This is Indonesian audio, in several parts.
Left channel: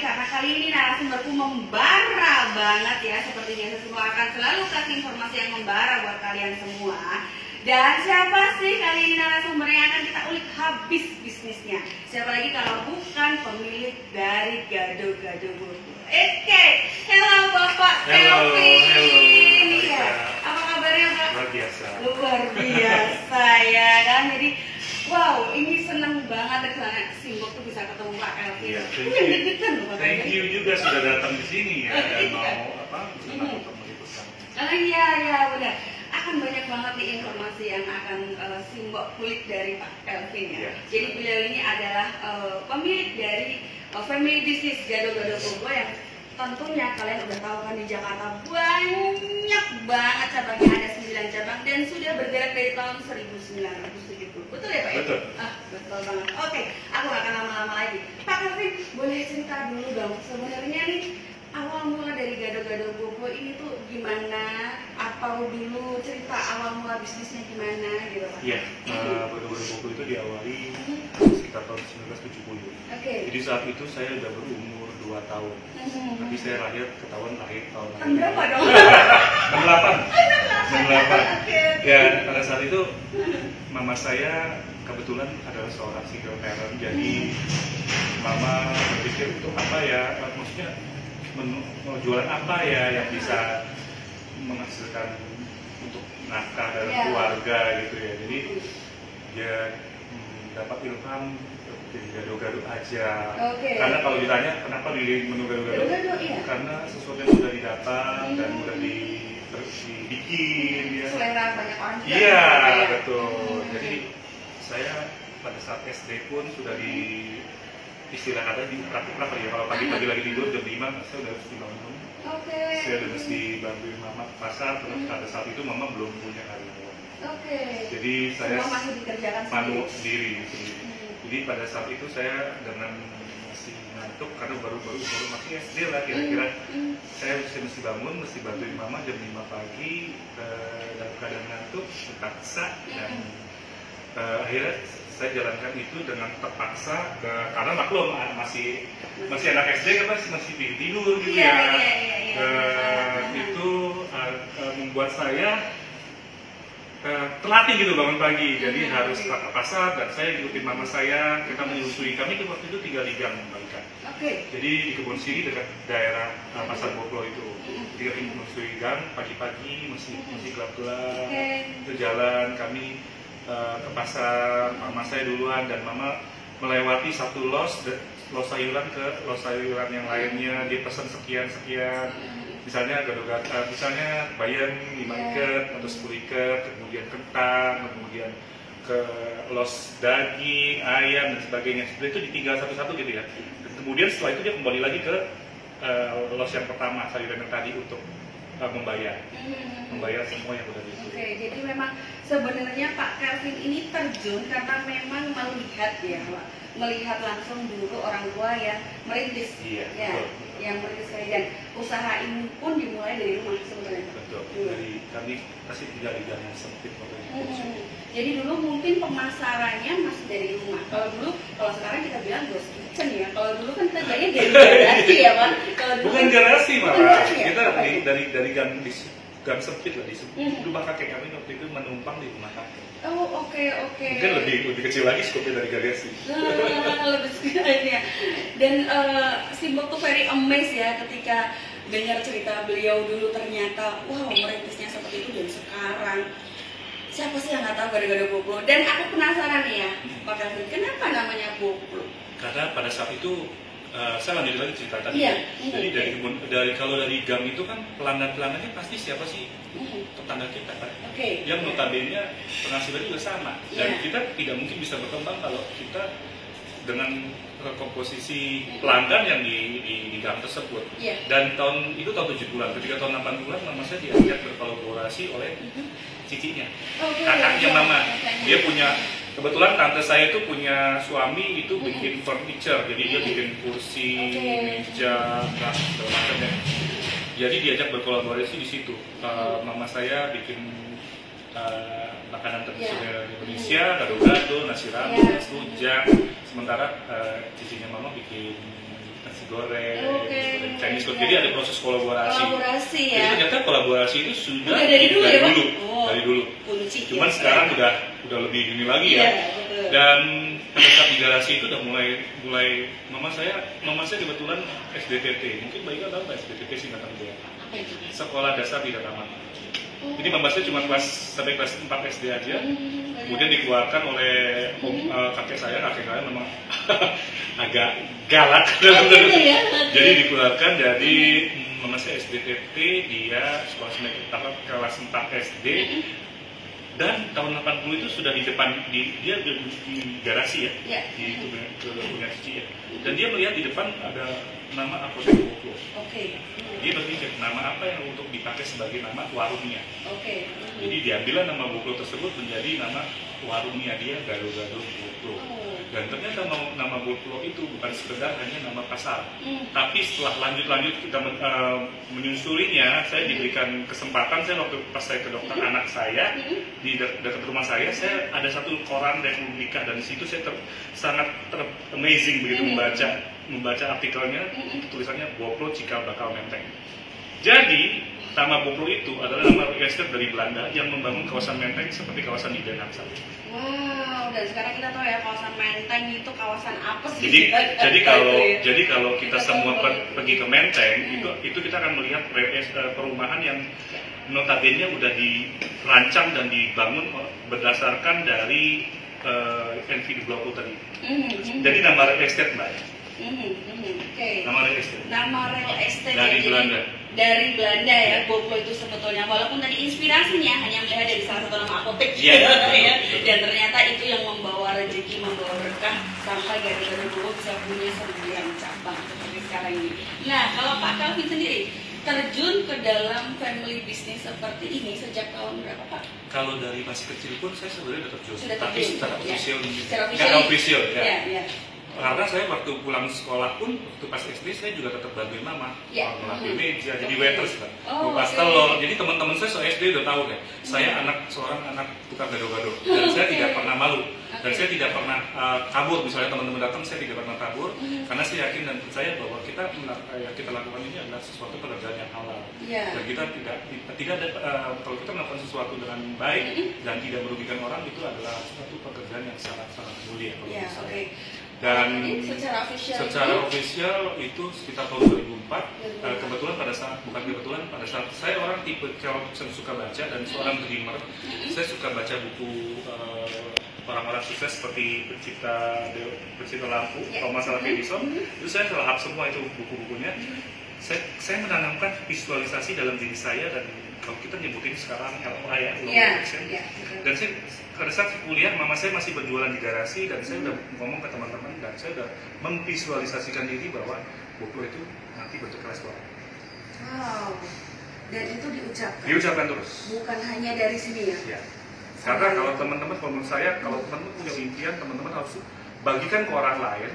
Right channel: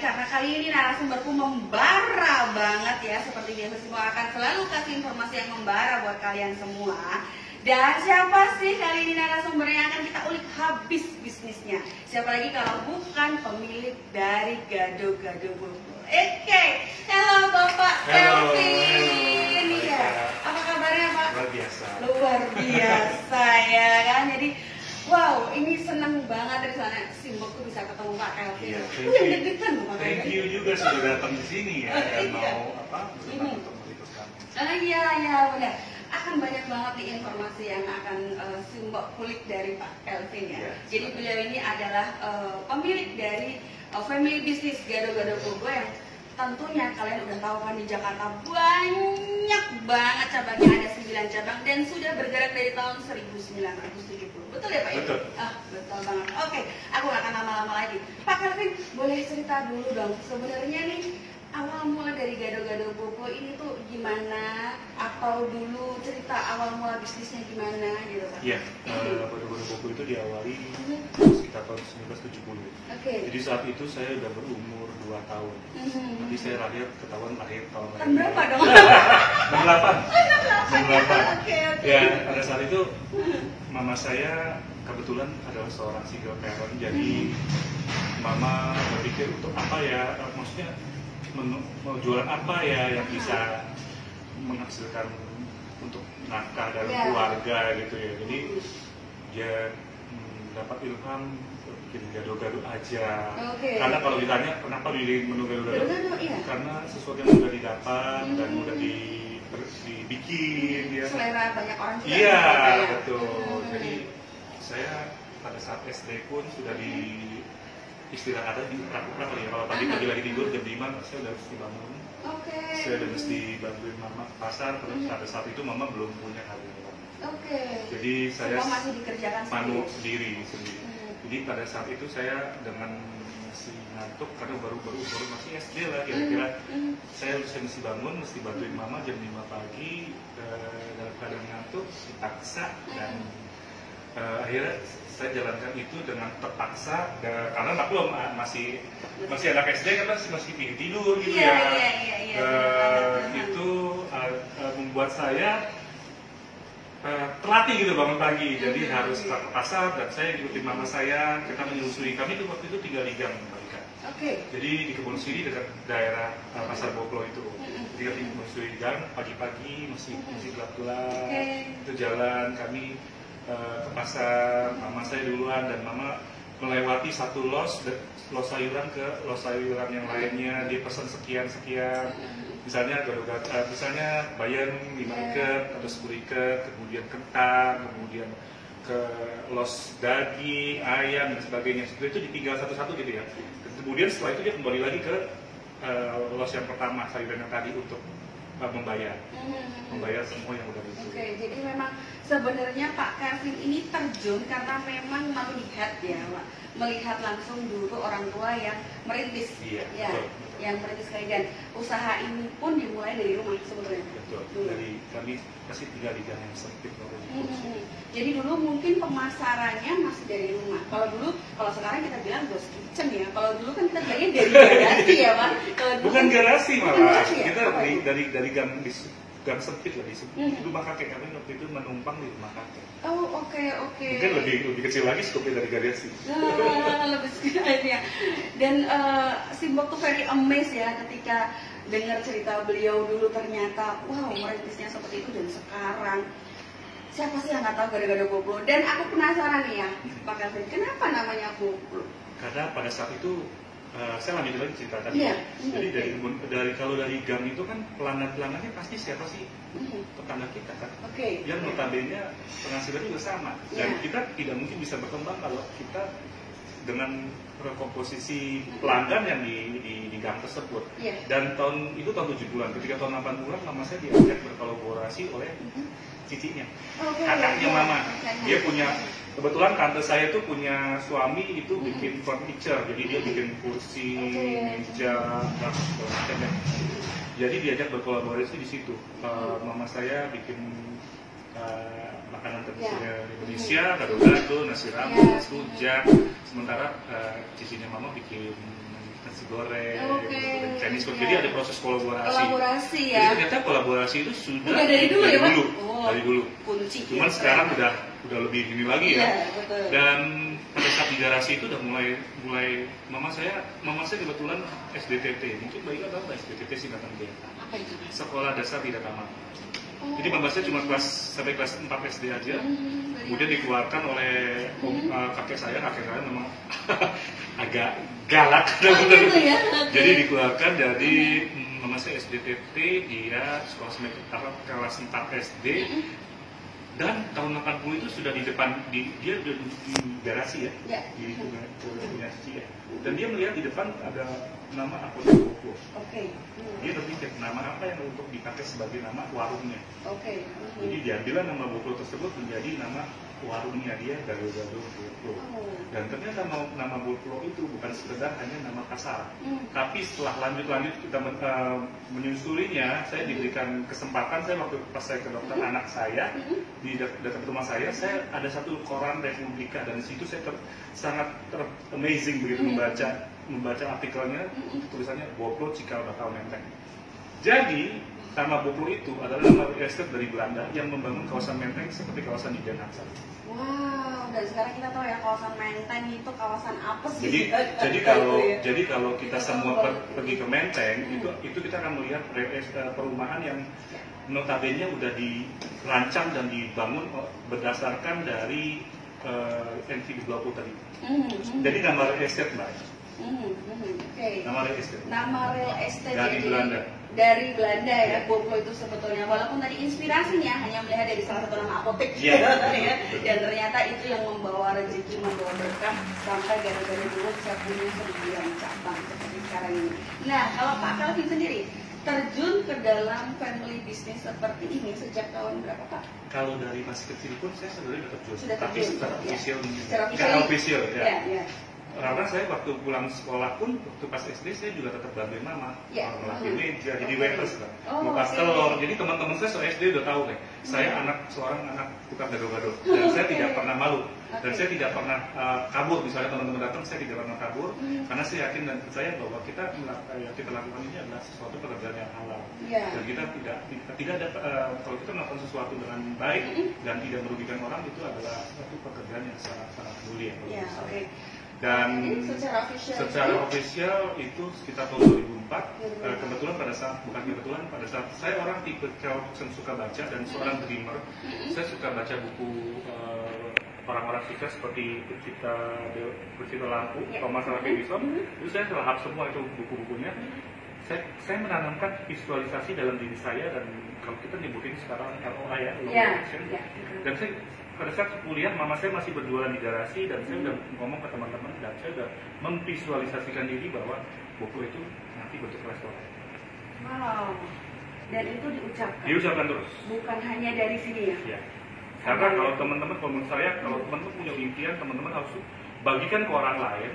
Karena kali ini narasumberku membara banget ya. Seperti biasa semua akan selalu kasih informasi yang membara buat kalian semua. Dan siapa sih kali ini narasumbernya yang akan kita ulik habis bisnisnya? Siapa lagi kalau bukan pemilik dari Gado-Gado Bobo. Oke, halo Bapak Kelvin. Ya, apa kabarnya Pak? Luar biasa. Luar biasa ya kan. Jadi wow, ini senang banget ya Simbok tuh bisa ketemu Pak Kelvin. Iya, Thank you juga sudah datang di sini ya dan mau untuk meliput kami. Iya benar. Akan banyak banget nih informasi yang akan Simbok kulik dari Pak Kelvin ya. Iya. Jadi beliau ini adalah pemilik dari family business Gado-Gado Bobo yang tentunya kalian udah tahu kan di Jakarta banyak banget cabangnya, ada 9 cabang dan sudah bergerak dari tahun 1970. Betul ya Pak? Betul. Betul banget. Oke, aku gak akan lama-lama lagi. Pak Kelvin, boleh cerita dulu dong. Sebenarnya nih awal mula dari Gado-Gado Bobo ini tuh gimana? Atau dulu cerita awal mula bisnisnya gimana gitu Pak? Iya, Gado-Gado Bobo itu diawali sekitar tahun 1970. Oke. Jadi saat itu saya udah berumur 2 tahun. Tapi saya lahir ketahuan lahir tahun Tahun berapa dong? 68. Oke. Ya, pada saat itu mama saya kebetulan adalah seorang single parent. Jadi mama berpikir untuk apa ya, maksudnya mau jualan apa ya yang bisa menghasilkan untuk nafkah dalam keluarga gitu ya. Jadi dia dapat ilham bikin gado-gado aja. Karena kalau ditanya kenapa di menu gado-gado, karena sesuatu yang mudah didapat dan mudah dibikin ya. Selera banyak orang juga. Iya, betul. Jadi saya pada saat SD pun sudah di istilah kata di uprak-uprak ya. Kalau pagi-pagi lagi tidur jam 5 saya udah mesti bangun. Saya udah mesti bantuin mama ke pasar. Pada saat itu mama belum punya karyawan. Jadi saya masih dikerjakan sendiri. Jadi pada saat itu saya dengan masih ngantuk karena baru masih SD lah kira-kira. Saya mesti bangun, mesti bantuin mama jam 5 pagi dalam keadaan ngantuk, terpaksa dan akhirnya saya jalankan itu dengan terpaksa karena maklum masih anak SD kan masih tidur gitu ya. Itu membuat saya terlatih gitu bangun pagi, jadi harus ke pasar dan saya ikutin mama saya, kita menyusui. Kami itu waktu itu tinggal di Gang Baikan. Jadi di Kebun Siri dekat daerah Pasar Boplo itu. Jadi kami menyusui gang pagi-pagi masih gelap-gelap. Itu jalan kami ke pasar, mama saya duluan dan mama melewati satu los sayuran ke los sayuran yang lainnya, dia pesan sekian. Misalnya gado-gado, misalnya bayam 5 ikat atau 10 ikat, kemudian kentang, kemudian ke los daging, ayam dan sebagainya. Seperti itu ditinggal satu-satu gitu ya. Dan kemudian setelah itu dia kembali lagi ke los yang pertama, sayuran yang tadi untuk membayar semua yang udah dibeli. Jadi memang sebenarnya Pak Kelvin ini terjun karena memang melihat langsung dulu orang tua yang merintis, betul. Yang merintis dan usaha ini pun dimulai dari rumah sebenarnya. Betul. Dari kami pasti tinggal di gang yang sempit waktu itu. Jadi dulu mungkin pemasarannya masih dari rumah. Kalau sekarang kita bilang ghost kitchen ya. Kalau dulu kan kita bilangnya dari garasi ya Pak. Bukan garasi malah. Kita dari gang sempit lah di rumah kakek kami waktu itu menumpang di rumah kakek. Mungkin lebih kecil lagi skopnya dari garasi. Lebih kecil aja. Dan Simbok tuh very amazed ya ketika dengar cerita beliau dulu, ternyata wow merintisnya seperti itu dan sekarang siapa sih yang nggak tahu Gado-Gado Bobo? Dan aku penasaran nih ya Pak Kelvin, kenapa namanya Bobo? Karena pada saat itu saya lanjut lagi cerita tadi. Jadi kalau dari gang itu kan pelanggannya pasti siapa sih? Tetangga kita kan. Yang notabene penghasilannya juga sama. Dan kita tidak mungkin bisa berkembang kalau kita dengan komposisi pelanggan yang di gang tersebut. Dan tahun 70-an, ketika tahun 80-an mama saya diajak berkolaborasi oleh cicinya, kakaknya mama. Dia punya, kebetulan tante saya itu punya suami itu bikin furniture, jadi dia bikin kursi, meja, segala macam ya. Jadi diajak berkolaborasi di situ. Mama saya bikin makanan tradisional Indonesia, gado-gado, nasi rames, rujak. Sementara cicinya mama bikin nasi goreng, Chinese food. Jadi ada proses kolaborasi. Ya. Jadi ternyata kolaborasi itu sudah dari dulu ya, Pak? Dari dulu. Kunci. Cuman sekarang udah lebih ini lagi ya. Betul. Dan pada saat di garasi itu udah mulai mama saya kebetulan SDTT. Mungkin Mbak Ika tahu nggak SDTT sih nggak tahu ya. Apa itu? Sekolah Dasar Tidak Tamat. Jadi mama saya cuma sampai kelas 4 SD aja. Kemudian dikeluarkan oleh kakek saya memang agak galak. Gitu ya? Jadi dikeluarkan dari mama saya SDTT, dia kelas 4 SD. Dan tahun 80 itu sudah di depan, dia di garasi ya, di punya cici ya. Dan dia melihat di depan ada nama Apoteka Boplo. Dia berpikir nama apa yang untuk dipakai sebagai nama warungnya. Jadi diambillah nama Boplo tersebut menjadi nama warungnya dia, Gado-Gado Boplo. Dan ternyata nama Boplo itu bukan sekedar hanya nama pasar. Tapi setelah lanjut kita menyusulinya, saya diberikan kesempatan, saya pas saya ke dokter anak saya di dekat rumah saya ada satu koran Republika, dan di situ saya sangat amazing begitu membaca artikelnya, tulisannya Boplo Cikal Bakal Menteng. Jadi nama Boplo itu adalah nama real estate dari Belanda yang membangun kawasan Menteng seperti kawasan di Den Haag saat ini. Wow, dan sekarang kita tahu ya kawasan Menteng itu kawasan apa sih? Jadi kalau kita semua pergi ke Menteng, itu kita akan melihat perumahan yang notabene udah dirancang dan dibangun berdasarkan dari NVIDIA Blaupunkt tadi. Jadi nama real estate, Mbak. Nama real estate. Nama real estate dari Belanda. Dari Belanda ya, Boplo itu sebetulnya. Walaupun tadi inspirasinya hanya melihat dari salah satu nama apotek, ya. Dan ternyata itu yang membawa rezeki, membawa berkah sampai gara-gara Boplo bisa punya 9 cabang seperti sekarang ini. Nah, kalau Pak Calvin sendiri terjun ke dalam family business seperti ini sejak tahun berapa, Pak? Kalau dari masih kecil pun saya sebenarnya terjun, tapi secara official ya. Karena saya waktu pulang sekolah pun, waktu pas SD saya juga tetap bantuin mama, ngelakuin meja, jadi waiters kan, ngupas telur. Jadi teman-teman saya SD udah tahu ya, saya seorang anak tukang gado-gado, dan saya tidak pernah malu, dan saya tidak pernah kabur. Misalnya teman-teman datang, saya tidak pernah kabur, karena saya yakin dan percaya bahwa kita lakukan ini adalah sesuatu pekerjaan yang halal, dan kita tidak ada kalau kita melakukan sesuatu dengan baik dan tidak merugikan orang, itu adalah suatu pekerjaan yang sangat mulia. Dan secara official itu sekitar tahun 2004. Kebetulan pada saat saya orang tipe yang suka baca dan seorang dreamer, saya suka baca buku orang-orang sukses seperti pencipta lampu, Thomas Alva Edison. Itu saya lahap semua itu buku-bukunya. Saya menanamkan visualisasi dalam diri saya, dan kalau kita nyebutin sekarang LOA ya, dan saya pada saat kuliah mama saya masih berjualan di garasi, dan saya udah ngomong ke teman-teman, dan saya udah memvisualisasikan diri bahwa Boplo itu nanti bentuk restoran. Wow, dan itu diucapkan terus, bukan hanya dari sini ya. Karena kalau teman-teman, menurut saya, kalau teman-teman punya impian, teman-teman harus bagikan ke orang lain,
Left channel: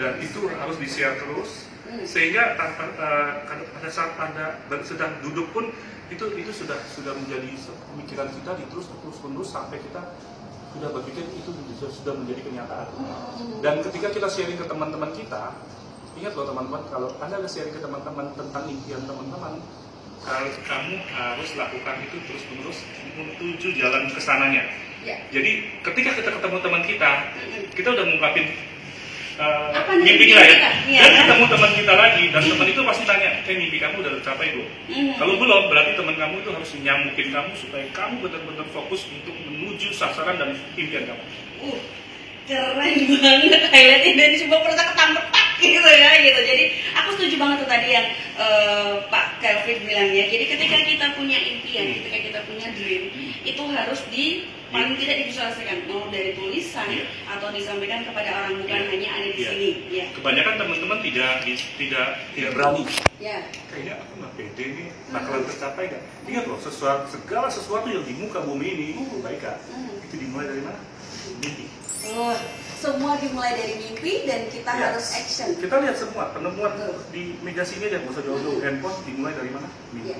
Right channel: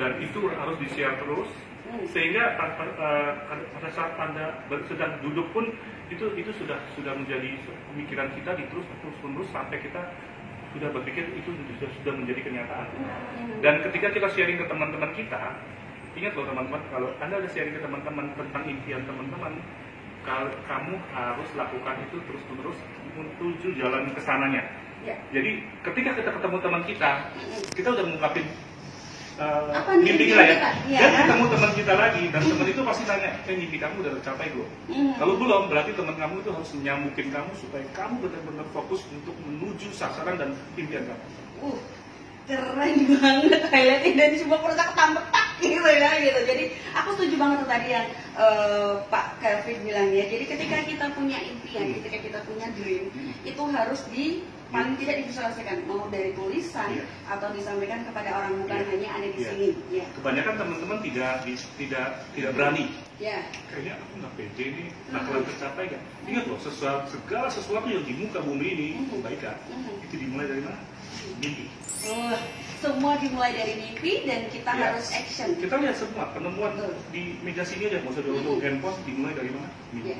dan itu harus di-share terus, sehingga pada saat Anda sedang duduk pun itu sudah menjadi pemikiran kita terus-menerus sampai kita sudah berpikir itu sudah menjadi kenyataan. Dan ketika kita sharing ke teman-teman kita, ingat loh teman-teman, kalau Anda ada sharing ke teman-teman tentang impian teman-teman, kalau kamu harus lakukan itu terus-menerus menuju jalan kesananya. Jadi ketika kita ketemu teman kita udah ngungkapin mimpi kita ya. Dan ketemu teman kita lagi, dan teman itu pasti tanya, mimpi kamu udah tercapai belum? Kalau belum, berarti teman kamu itu harus nyamukin kamu supaya kamu benar-benar fokus untuk menuju sasaran dan impian kamu. Keren banget highlightnya dan cuma perasa ketampetak gitu ya gitu. Jadi aku setuju banget tuh tadi yang Pak Kelvin bilang ya. Jadi ketika kita punya impian, ketika kita punya dream, itu harus paling tidak divisualisasikan, mau dari tulisan atau disampaikan kepada orang, bukan hanya ada di sini. Ya. Kebanyakan teman-teman tidak berani. Ya. Kayaknya aku nggak pede nih, bakalan tercapai nggak? Ingat loh, segala sesuatu yang di muka bumi ini, baik kan? Itu dimulai dari mana? Mimpi. Semua dimulai dari mimpi dan kita harus action. Kita lihat semua penemuan di meja sini aja, nggak usah jauh-jauh. Handphone dimulai dari mana? Mimpi.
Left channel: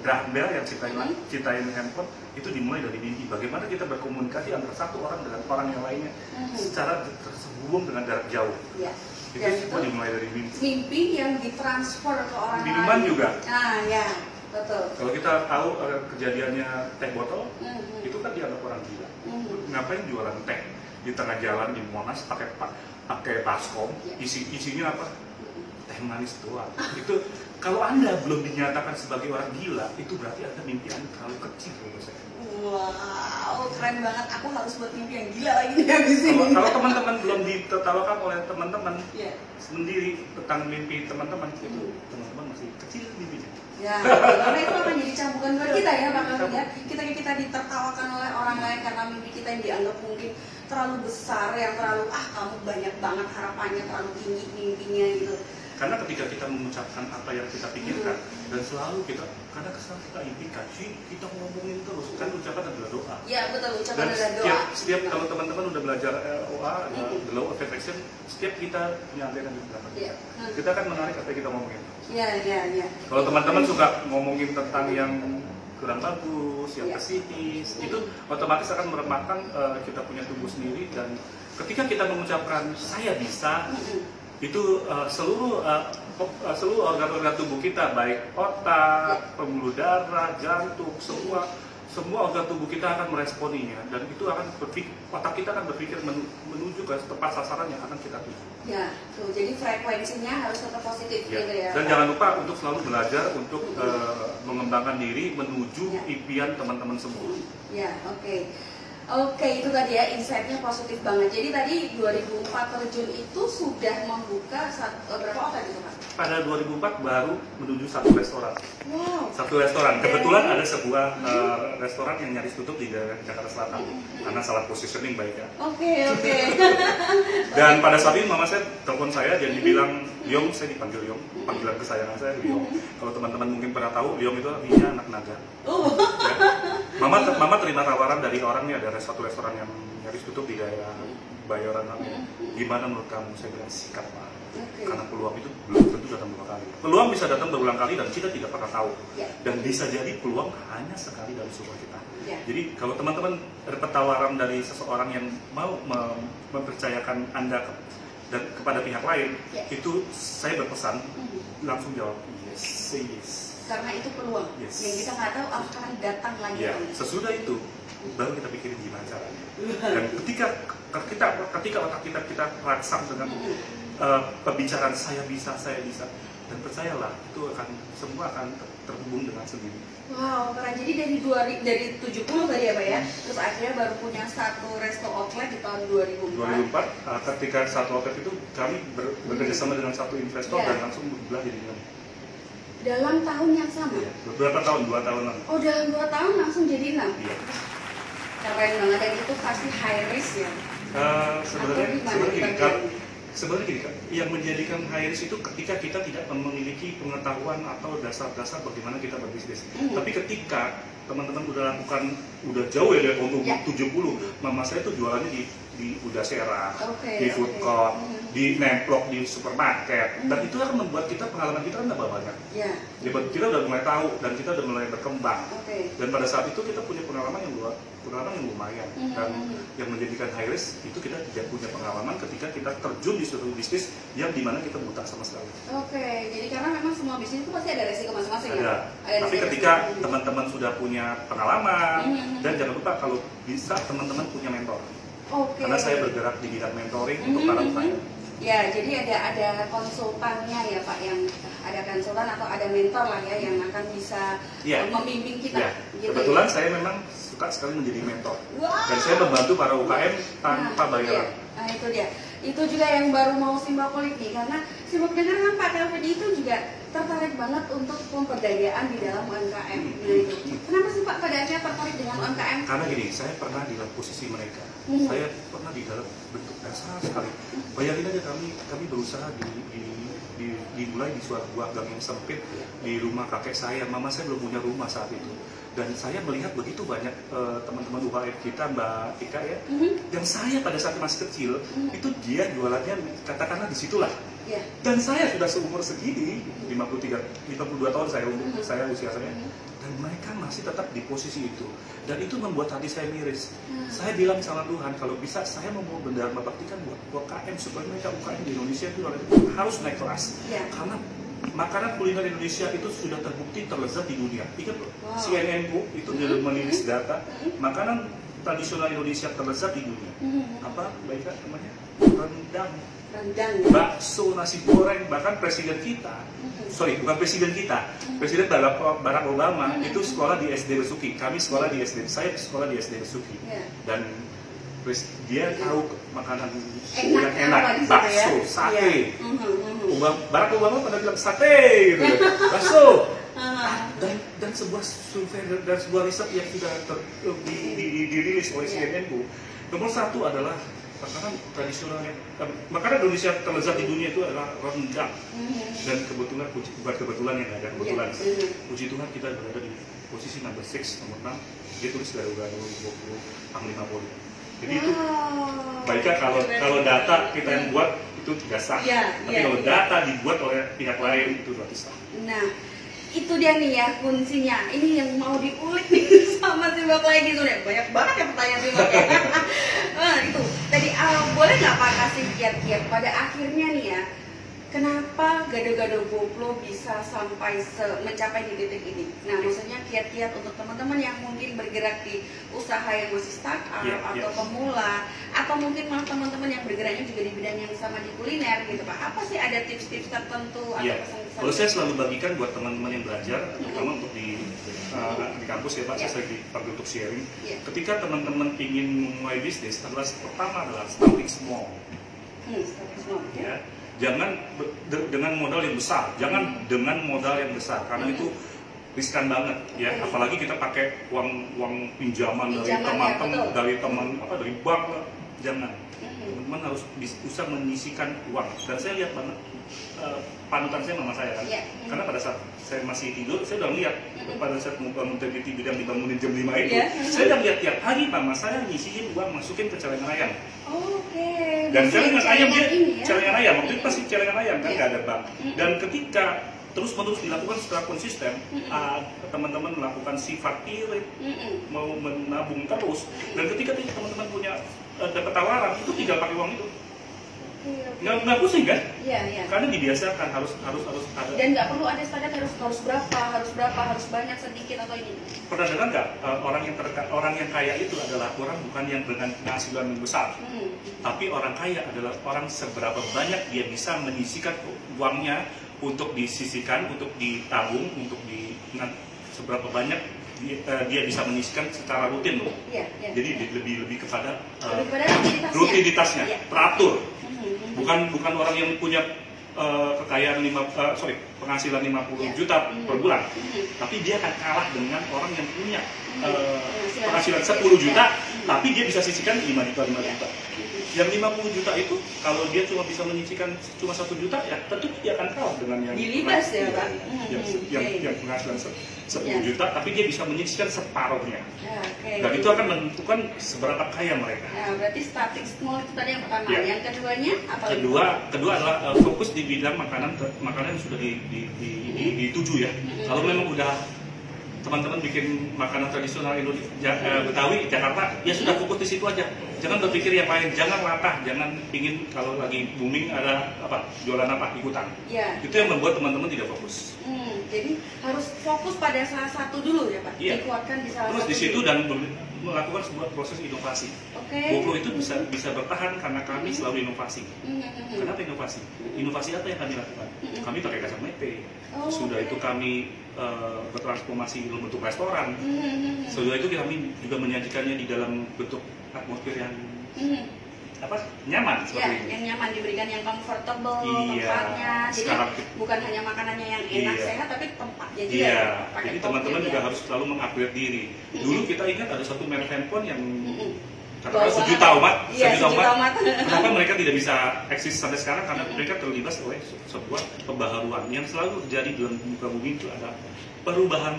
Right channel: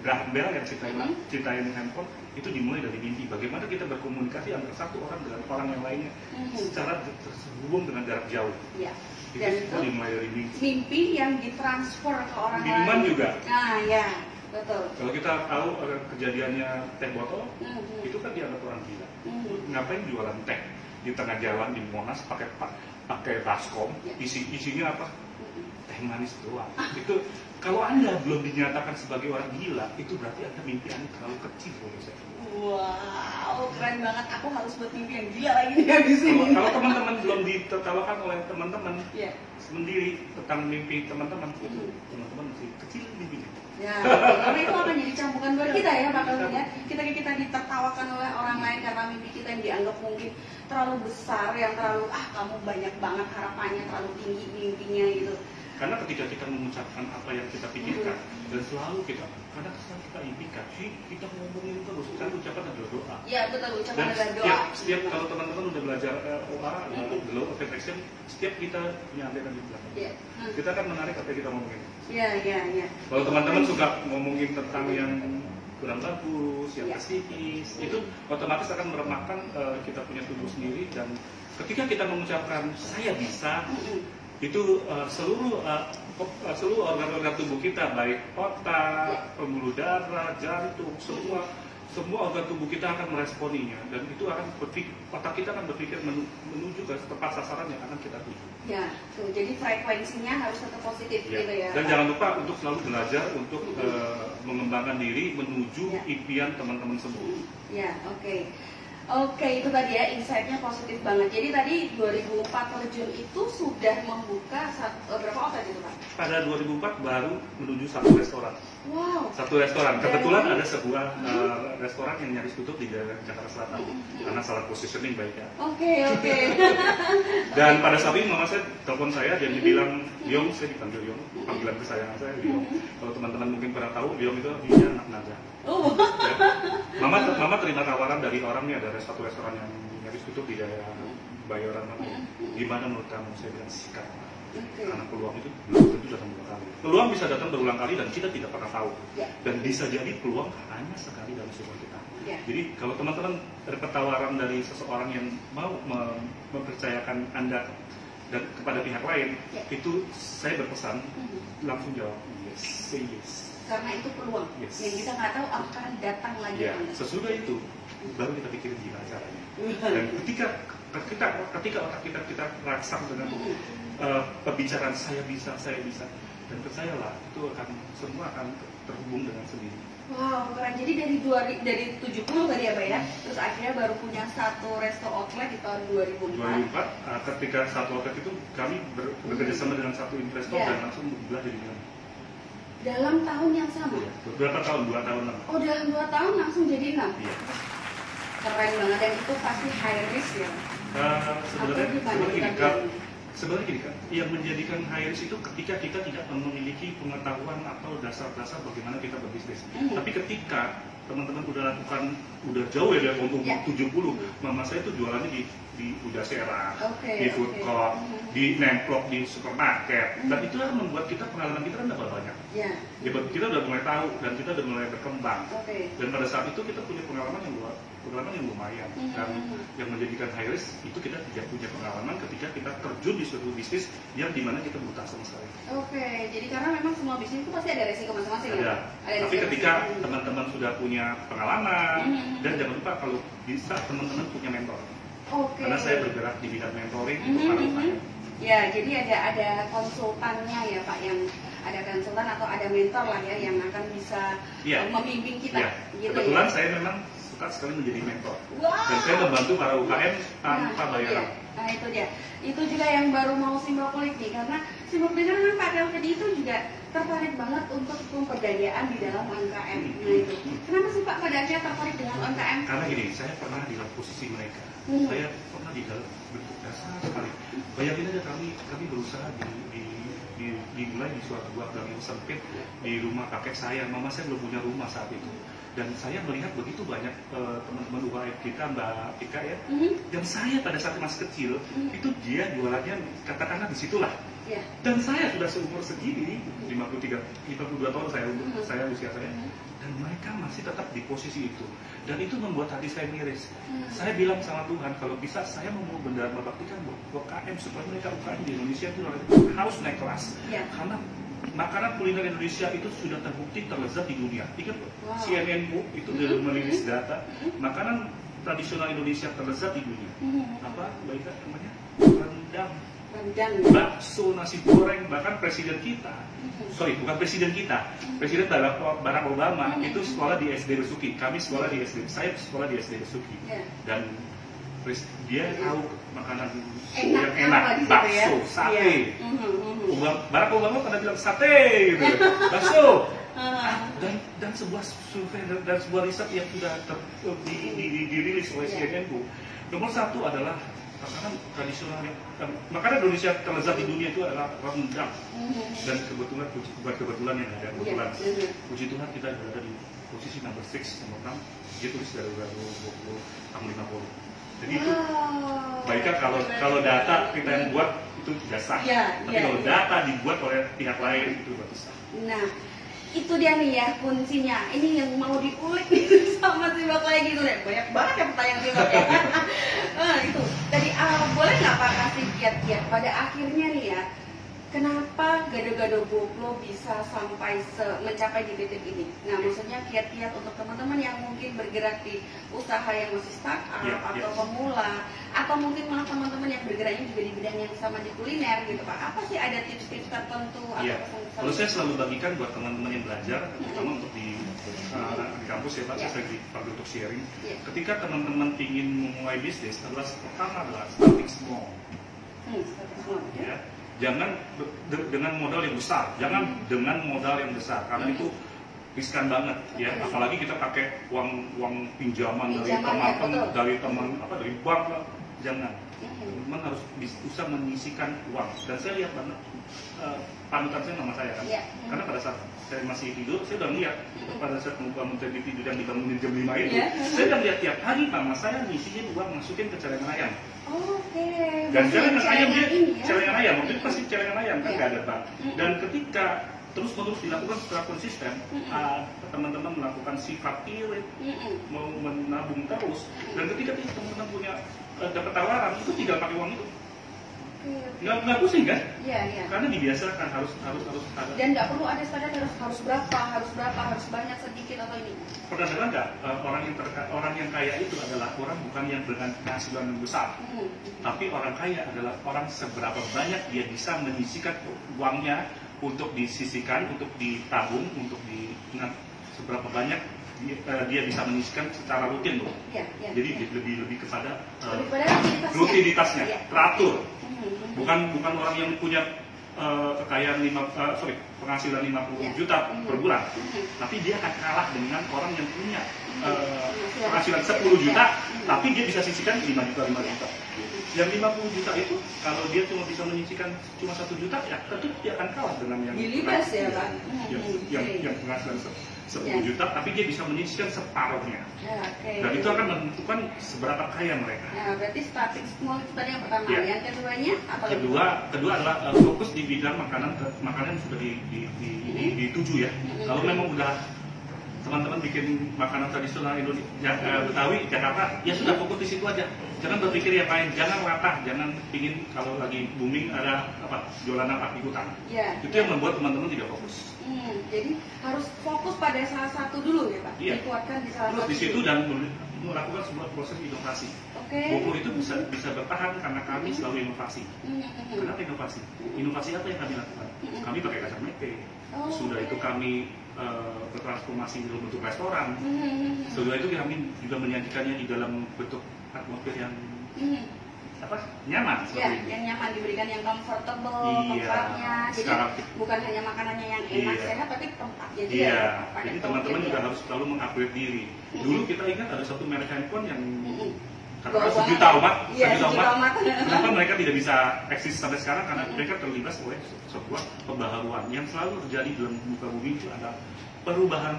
Graham Bell yang cintain handphone itu dimulai dari mimpi. Bagaimana kita berkomunikasi antara satu orang dengan orang yang lainnya secara terhubung dengan jarak jauh. Dan itu dimulai dari mimpi. Mimpi yang ditransfer ke orang lain. Minuman juga. Nah, ya. Betul. Kalau kita tahu kejadiannya teh botol, itu kan dianggap orang gila. Ngapain jualan teh di tengah jalan di Monas pakai baskom, isinya apa? Teh manis doang. Itu kalau Anda belum dinyatakan sebagai orang gila, itu berarti Anda mimpi Anda terlalu kecil menurut saya. Wow, keren banget. Aku harus buat mimpi yang gila lagi nih habis ini. Kalau teman-teman belum ditertawakan oleh teman-teman sendiri tentang mimpi teman-teman, itu teman-teman masih kecil mimpinya. Ya, karena itu akan jadi cambukan buat kita ya, bakal lihat kita ditertawakan oleh orang lain karena mimpi kita yang dianggap mungkin terlalu besar, yang terlalu kamu banyak banget harapannya, terlalu tinggi mimpinya gitu. Karena ketika kita mengucapkan apa yang kita pikirkan dan selalu kita impikan, kita ngomongin terus, kan ucapan adalah doa. Ya betul, ucapan dan adalah doa. Setiap kalau teman-teman udah belajar OA, the law of attraction, setiap kita menyampaikan di belakang, kita akan menarik apa yang kita ngomongin. Iya. Kalau teman-teman suka ngomongin tentang yang kurang bagus, yang pesimis, itu otomatis akan meremahkan kita punya tubuh sendiri. Dan ketika kita mengucapkan saya bisa, itu seluruh organ-organ tubuh kita, baik otak, pembuluh darah, jantung, semua organ tubuh kita akan meresponinya, dan itu akan otak kita akan berpikir menuju ke tempat sasaran yang akan kita tuju. Ya, tuh, jadi frekuensinya harus tetap positif gitu ya. Dan jangan lupa untuk selalu belajar untuk mengembangkan diri menuju impian teman-teman semua. Ya, oke. Oke, itu tadi ya insight-nya positif banget. Jadi tadi 2004 terjun itu sudah membuka berapa outlet itu Pak? Pada 2004 baru menuju satu restoran. Wow. Satu restoran. Kebetulan ada sebuah restoran yang nyaris tutup di Jakarta Selatan karena salah positioning baik ya. Oke. Dan pada saat itu mama saya telepon saya dan dibilang, Yong, saya dipanggil Yong, panggilan kesayangan saya Yong. Kalau teman-teman mungkin pernah tahu, Yong itu artinya anak naga. Mama terima tawaran dari orangnya, dari satu restoran yang nyaris tutup di daerah Bayoran. Gimana menurut kamu? Saya bilang sikat Pak. Karena peluang itu belum tentu datang dua kali. Peluang bisa datang berulang kali dan kita tidak pernah tahu. Dan bisa jadi peluang hanya sekali dalam seumur kita. Jadi kalau teman-teman dapat tawaran dari seseorang yang mau mempercayakan Anda dan kepada pihak lain, itu saya berpesan langsung jawab yes, say yes. Karena itu peluang yang kita nggak tahu akan datang lagi. Sesudah itu baru kita pikirin gimana caranya. Dan ketika otak kita rangsang dengan pembicaraan saya bisa, dan percayalah itu semua akan terhubung dengan sendiri. Wow, keren. Jadi dari 70 tadi ya Pak ya, terus akhirnya baru punya satu resto outlet di tahun 2004. Ketika satu outlet itu kami bekerja sama dengan satu investor dan langsung berbelah jadi 6. Dalam tahun yang sama? Berapa tahun? 2 tahun lalu. Oh, dalam 2 tahun langsung jadi 6? Iya. Keren banget, dan itu pasti high risk ya? Sebenarnya gini kan, yang menjadikan high risk itu ketika kita tidak memiliki pengetahuan atau dasar-dasar bagaimana kita berbisnis. Tapi ketika teman-teman udah jauh ya dari umur 70, mama saya tuh jualannya di Udasera, di food court, di nemplok di supermarket, dan itu akan membuat pengalaman kita kan tambah banyak. Kita udah mulai tahu dan kita udah mulai berkembang. Dan pada saat itu kita punya pengalaman yang lumayan, dan yang menjadikan high risk itu kita tidak punya pengalaman ketika kita terjun di suatu bisnis yang dimana kita buta sama sekali. Jadi karena memang semua bisnis itu pasti ada resiko masing-masing. Tapi ketika teman-teman sudah punya pengalaman, dan jangan lupa kalau bisa teman-teman punya mentor. Karena saya bergerak di bidang mentoring untuk para klien. Ya, jadi ada konsultannya ya Pak, yang ada konsultan atau ada mentor lah ya yang akan bisa membimbing kita. Ya. Gitu Kebetulan ya? saya memang suka sekali menjadi mentor. Wow. Dan saya membantu para UKM tanpa bayaran. Iya. Nah itu dia. Itu juga yang baru mau simak kulik nih, karena simak dengar kan Pak Kelvin itu juga tertarik banget untuk pemberdayaan di dalam UMKM. Nah itu, kenapa sih Pak pada akhirnya tertarik dengan UMKM? Karena gini, saya pernah di dalam posisi mereka. Saya pernah di dalam bentuk dasar sekali. Bayangin aja kami berusaha dimulai di suatu gang yang sempit di rumah kakek saya. Mama saya belum punya rumah saat itu. Dan saya melihat begitu banyak teman-teman UKM kita, Mbak Tika ya, yang saya pada saat masih kecil, itu dia jualannya katakanlah disitulah. Dan saya sudah seumur segini, 52 tahun saya usia saya, dan mereka masih tetap di posisi itu. Dan itu membuat hati saya miris. Saya bilang sama Tuhan, kalau bisa saya mau berdharma baktikan buat UKM supaya mereka UKM di Indonesia itu harus naik kelas. Karena makanan kuliner Indonesia itu sudah terbukti terlezat di dunia. Ingat loh, CNN itu merilis data makanan tradisional Indonesia terlezat di dunia. Apa baiknya namanya? Rendang, bakso, nasi goreng. Bahkan presiden kita, bukan presiden kita, Presiden Barack Obama itu sekolah di SD Besuki. Kami sekolah di SD, saya sekolah di SD Besuki. Dan dia tahu makanan yang enak, bakso, sate. Barack Obama pada bilang sate, gitu, bakso. Dan sebuah survei dan sebuah riset yang sudah dirilis oleh CNN, nomor 1 adalah makanan tradisional makanan Indonesia terlezat di dunia itu adalah rendang. Dan kebetulan, bukan kebetulan yang ada, kebetulan puji Tuhan kita berada di posisi nomor 6. Dia tulis garu-garu 20 Panglima Polri. Jadi itu baiknya kalau data kita yang buat itu tidak sah. Tapi kalau data dibuat oleh pihak lain itu berarti sah. Nah, itu dia nih ya kuncinya. Ini yang mau diulik nih sama Simak lagi tuh deh. Banyak banget ya pertanyaan Simak ya. Itu tadi boleh nggak Pak kasih kiat-kiat pada akhirnya nih ya, kenapa Gado-Gado GoPro bisa sampai mencapai di titik ini? Nah, maksudnya kiat-kiat untuk teman-teman yang mungkin bergerak di usaha yang masih startup atau pemula, atau mungkin malah teman-teman yang bergeraknya juga di bidang yang sama di kuliner gitu Pak. Apa sih ada tips-tips tertentu atau pesan-pesan? Kalau saya selalu bagikan buat teman-teman yang belajar, terutama untuk di kampus ya Pak, saya lagi dipanggil untuk sharing. Ketika teman-teman ingin memulai bisnis, pertama adalah starting small. Starting small, ya. Jangan dengan modal yang besar, karena itu riskan banget ya. Apalagi kita pakai uang pinjaman dari teman dari bank, jangan. Teman-teman harus bisa menyisikan uang. Dan saya lihat banget panutan saya mama saya kan, karena pada saat saya masih tidur saya udah lihat pada saat mau bangun tidur dan dibangunin jam 5 itu, saya udah lihat tiap hari mama saya nyisihin uang masukin ke celengan ayam. Dan celengan ayam celengan ayam, waktu itu pasti celengan ayam kan, nggak ada bank. Dan ketika terus-menerus dilakukan secara konsisten, teman-teman melakukan sifat irit, mau menabung terus. Dan ketika teman-teman punya dapat tawaran, itu tinggal pakai uang itu. Nggak pusing kan? Karena dibiasakan harus ada. Dan nggak perlu ada standar harus banyak, sedikit atau ini. Pernah dengar nggak orang yang kaya itu adalah orang bukan yang dengan penghasilan yang besar, tapi orang kaya adalah orang seberapa banyak dia bisa menyisihkan uangnya untuk disisihkan, untuk ditabung, untuk seberapa banyak dia bisa menyisihkan secara rutin loh. Jadi lebih kepada rutinitasnya, teratur. Bukan orang yang punya kekayaan penghasilan 50 juta per bulan, tapi dia akan kalah dengan orang yang punya penghasilan 10 juta, tapi dia bisa sisihkan 5 juta. Yang 50 juta itu kalau dia cuma bisa menyisihkan cuma 1 juta, ya tentu dia akan kalah dengan yang yang penghasilan 10 juta, tapi dia bisa menyisihkan separuhnya. Dan itu akan menentukan seberapa kaya mereka. Berarti starting small itu tadi yang pertama. Yang keduanya apa lagi? Kedua adalah fokus di bidang makanan yang sudah dituju ya. Kalau memang udah teman-teman bikin makanan tradisional Indonesia, Betawi, Jakarta, ya sudah fokus di situ aja. Jangan berpikir yang lain, jangan latah, jangan pingin kalau lagi booming ada jualan ikutan. Itu yang membuat teman-teman tidak fokus. Jadi harus fokus pada salah satu dulu ya Pak. Dikuatkan di salah satu. Terus di situ dan melakukan sebuah proses inovasi. Oke. GoPro itu bisa bertahan karena kami selalu inovasi. Kenapa inovasi? Inovasi apa yang kami lakukan? Kami pakai kacamata. Sudah itu kami bertransformasi dalam bentuk restoran. Sudah itu kami juga menyajikannya di dalam bentuk atmosfer yang nyaman ya, yang nyaman, diberikan yang comfortable tempatnya. Jadi sekarang, bukan hanya makanannya yang enak sehat, tapi tempatnya juga. Iya. Jadi teman-teman juga harus selalu mengupgrade diri. Dulu kita ingat ada satu merek handphone yang katakan sejuta umat. Kenapa mereka tidak bisa eksis sampai sekarang? Karena mereka terlibat oleh sebuah pembaharuan yang selalu terjadi dalam muka bumi. Itu ada perubahan.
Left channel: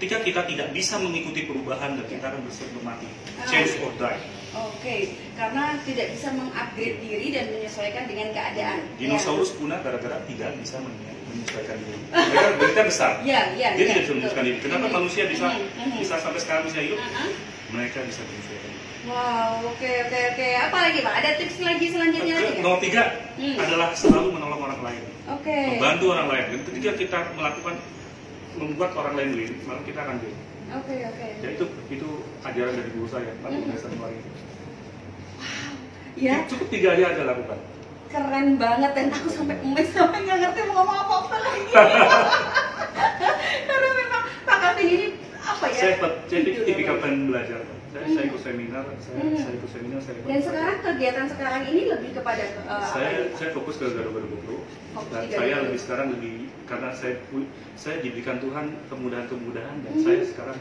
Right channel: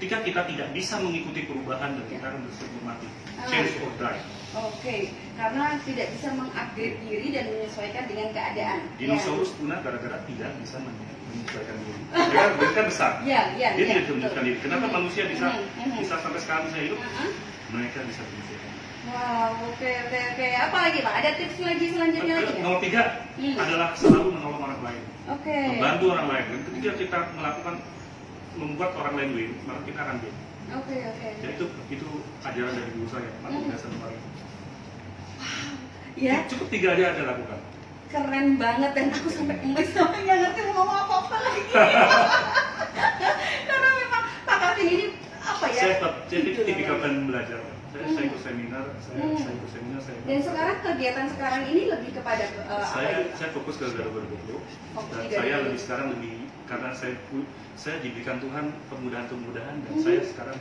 Ketika kita tidak bisa mengikuti perubahan, dan kita akan bersedia mati. Change or die. Oke, karena tidak bisa mengupgrade diri dan menyesuaikan dengan keadaan. Dinosaurus punah gara-gara tidak bisa menyesuaikan diri. Mereka besar. Dia tidak bisa menyesuaikan diri. Kenapa manusia bisa sampai sekarang bisa hidup? Mereka bisa menyesuaikan. Wow, oke. Apa lagi Pak? Ada tips lagi selanjutnya lagi nggak? Nomor 3 adalah selalu menolong orang lain. Membantu orang lain. Dan ketika kita membuat orang lain win, maka kita akan win. Ya itu ajaran dari guru saya, Pak Dasar Mari. Wow, ya. Cukup 3 aja ada lakukan. Keren banget, dan aku sampai nggak ngerti mau ngomong apa lagi. Karena memang Pak Kevin ini apa ya? Saya tipikal belajar. Saya ikut seminar, Dan sekarang kegiatan sekarang ini lebih kepada saya fokus ke Garuda GoPro. Dan saya sekarang lebih karena saya diberikan Tuhan kemudahan-kemudahan, dan saya sekarang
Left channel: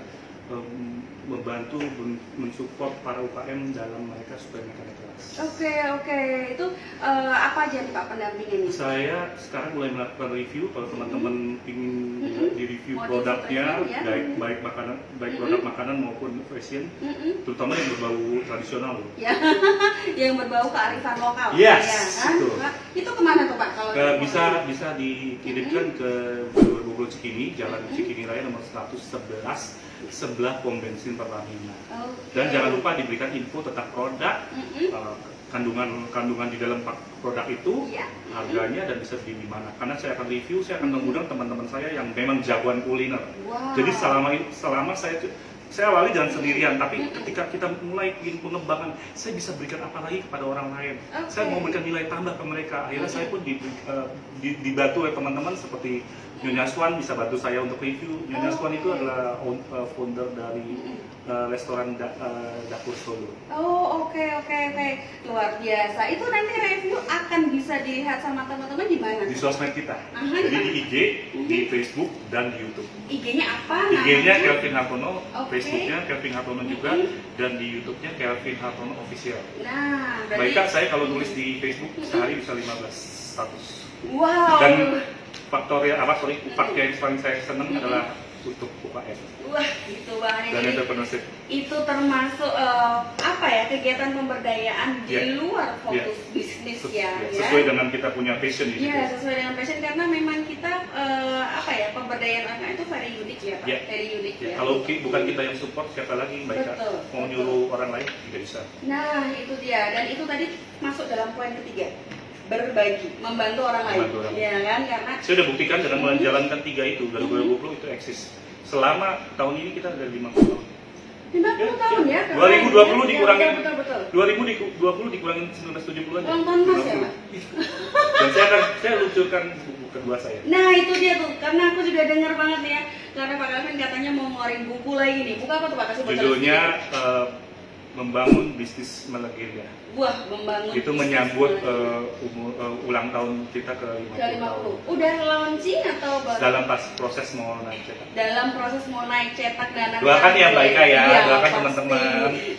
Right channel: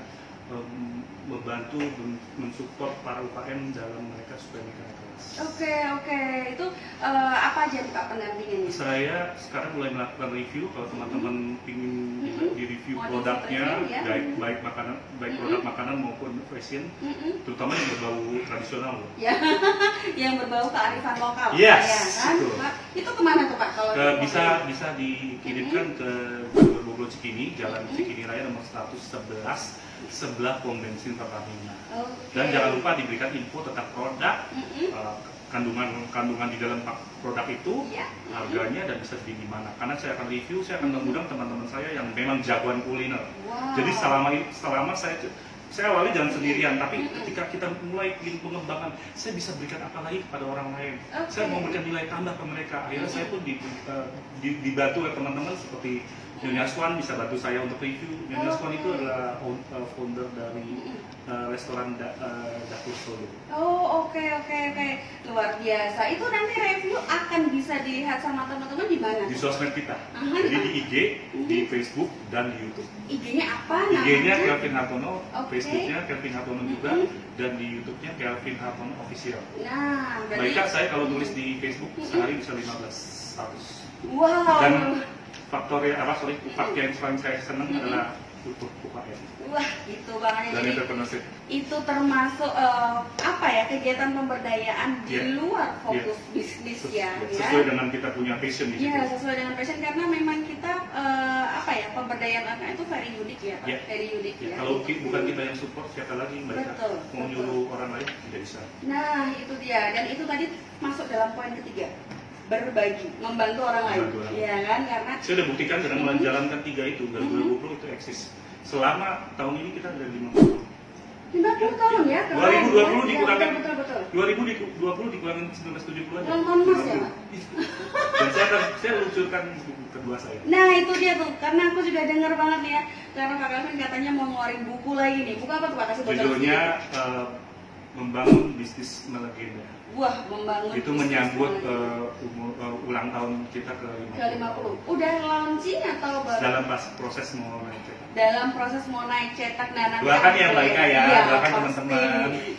membantu mensupport para UKM dalam mereka supaya mereka kelas. Oke. Itu apa aja nih Pak pendampingannya? Saya sekarang mulai melakukan review. Kalau teman-teman ingin di review produknya, baik produk makanan maupun fashion, terutama yang berbau tradisional loh. Ya, yang berbau kearifan lokal. Yes, ya kan? Itu kemana tuh Pak? Kalau bisa dikirimkan ke Bogor Cikini, Jalan Cikini Raya nomor 111, sebelah pom bensin Pertamina. Dan jangan lupa diberikan info tentang produk, kandungan di dalam produk itu, harganya, dan bisa di mana. Karena saya akan review, saya akan mengundang teman-teman saya yang memang jagoan kuliner. Jadi selama saya awali jalan sendirian, tapi ketika kita mulai pengembangan, saya bisa berikan apa lagi kepada orang lain. Saya mau berikan nilai tambah ke mereka. Akhirnya saya pun dibantu oleh teman-teman seperti Nyonya Swan bisa bantu saya untuk review. Nyonya Swan itu adalah founder dari restoran Dapur Solo. Oke. Luar biasa. Itu nanti review akan bisa dilihat sama teman-teman di mana? Di sosmed kita. Jadi di IG, di Facebook, dan di YouTube. IG-nya apa? IG-nya Kelvin Hartono, Facebooknya Kelvin Hartono juga, dan di YouTube-nya Kelvin Hartono Official. Nah, berarti saya kalau nulis di Facebook sehari bisa 15 status. Wow. Dan faktor yang paling saya senang adalah untuk UKM. Wah, itu banget. Dan entrepreneurship. Itu termasuk kegiatan pemberdayaan di luar fokus bisnis ya. Sesuai dengan kita punya passion. Iya, sesuai dengan passion, karena memang kita pemberdayaan anak itu very unik ya Pak. Very unik ya. Kalau bukan kita yang support, siapa lagi mereka mau nyuruh orang lain tidak bisa. Nah, itu dia. Dan itu tadi masuk dalam poin ketiga. Berbagi, membantu orang lain, ya kan? Karena saya sudah buktikan dengan menjalankan 3 itu, Garuda GoPro itu eksis. Selama tahun ini kita ada 50 tahun ya. 2020 dikurangin. Betul. 2020 dikurangin 1970 aja. Ulang tahun Mas ya Pak? Dan saya luncurkan buku kedua saya. Nah itu dia tuh, karena aku juga dengar banget ya. Karena Pak Kelvin katanya mau ngeluarin buku lagi nih. Buku apa tuh Pak? Kasih bocoran. Judulnya Membangun Bisnis Melegenda. Wah, membangun. Itu menyambut ulang tahun kita ke 50. Udah launching atau baru? Dalam proses mau naik cetak. Dalam proses mau naik cetak dan doakan ya Mbak Ika ya, doakan teman-teman.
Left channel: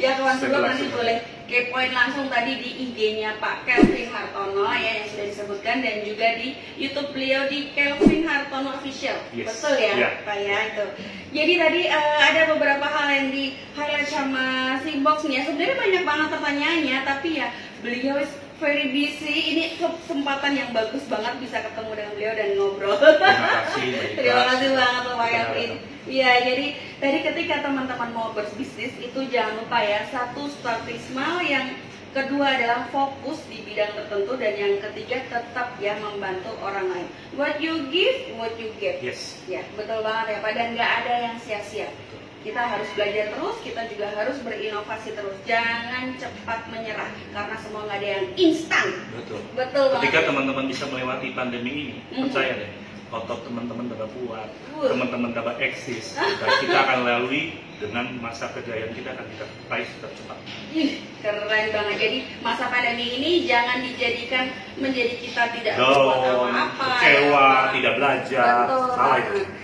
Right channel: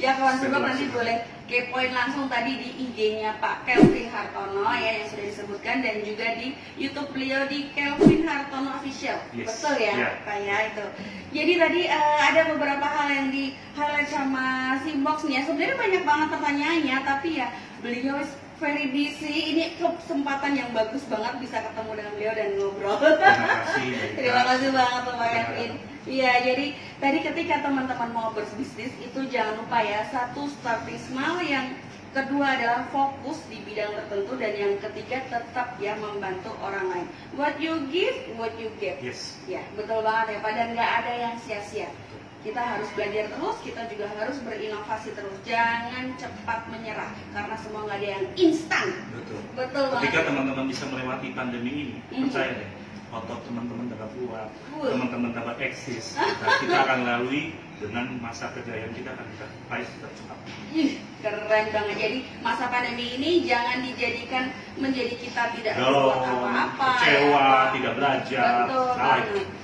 Ya kawan-kawan nanti boleh kepoin langsung tadi di IG-nya Pak Kelvin Hartono ya yang sudah disebutkan, dan juga di YouTube beliau di Kelvin Hartono Official. Betul ya, Pak ya itu. Jadi tadi ada beberapa hal yang di highlight sama si Box nih ya. Sebenarnya banyak banget pertanyaannya, tapi ya beliau very busy. Ini kesempatan yang bagus banget bisa ketemu dengan beliau dan ngobrol. Terima kasih banget Pak Kelvin. Iya, jadi tadi ketika teman-teman mau berbisnis itu jangan lupa ya, satu starting small, yang kedua adalah fokus di bidang tertentu, dan yang ketiga tetap ya membantu orang lain. What you give, what you get. Yes. Ya, betul banget ya Pak, dan nggak ada yang sia-sia. Kita harus belajar terus, kita juga harus berinovasi terus. Jangan cepat menyerah, karena semua nggak ada yang instan. Betul. Betul banget. Ketika teman-teman bisa melewati pandemi ini, percaya deh, otot teman-teman tambah kuat, teman-teman tambah eksis. Kita akan lalui dengan masa kejayaan kita akan kita raih secara cepat. Keren banget. Jadi masa pandemi ini jangan dijadikan menjadi kita tidak berbuat apa-apa, kecewa, tidak belajar. Betul.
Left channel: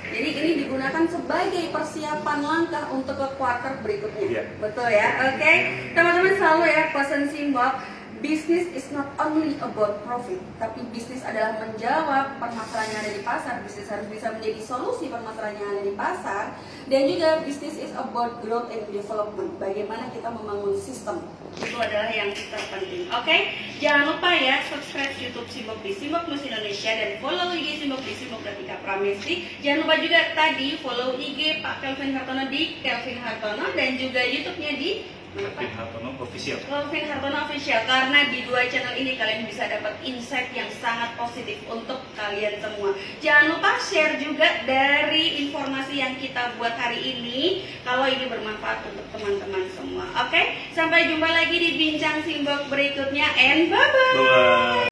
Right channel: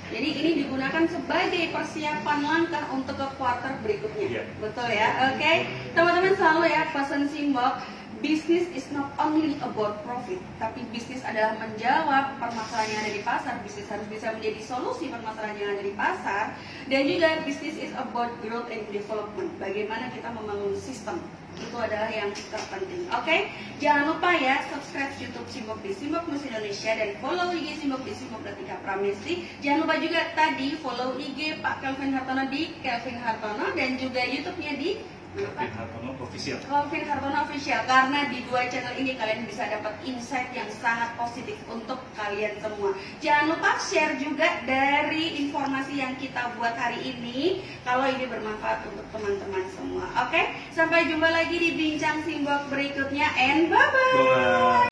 Jadi ini digunakan sebagai persiapan langkah untuk ke kuartal berikutnya. Betul ya. Oke, teman-teman selalu ya pesan Simbok. Business is not only about profit, tapi bisnis adalah menjawab permasalahan yang ada di pasar. Bisnis harus bisa menjadi solusi permasalahan yang ada di pasar. Dan juga bisnis is about growth and development. Bagaimana kita membangun sistem, itu adalah yang terpenting. Oke, jangan lupa ya subscribe YouTube Simbok di Simbok Plus Indonesia dan follow IG Simbok di Simbok Datika Pramesti. Jangan lupa juga tadi follow IG Pak Kelvin Hartono di Kelvin Hartono dan juga YouTube-nya di Kelvin Hartono Official. Kelvin Hartono Official, karena di dua channel ini kalian bisa dapat insight yang sangat positif untuk kalian semua. Jangan lupa share juga dari informasi yang kita buat hari ini, kalau ini bermanfaat untuk teman-teman semua. Oke, sampai jumpa lagi di Bincang Simbok berikutnya, and bye-bye.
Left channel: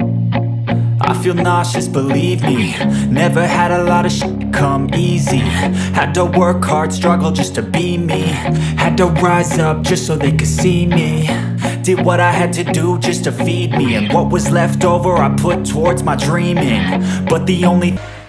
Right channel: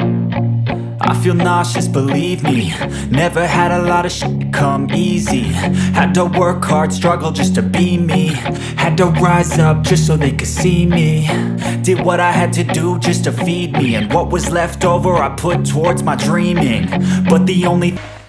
I feel nauseous, believe me. Never had a lot of shit come easy. Had to work hard, struggle just to be me. Had to rise up just so they could see me. Did what I had to do just to feed me, and what was left over I put towards my dreaming. But the only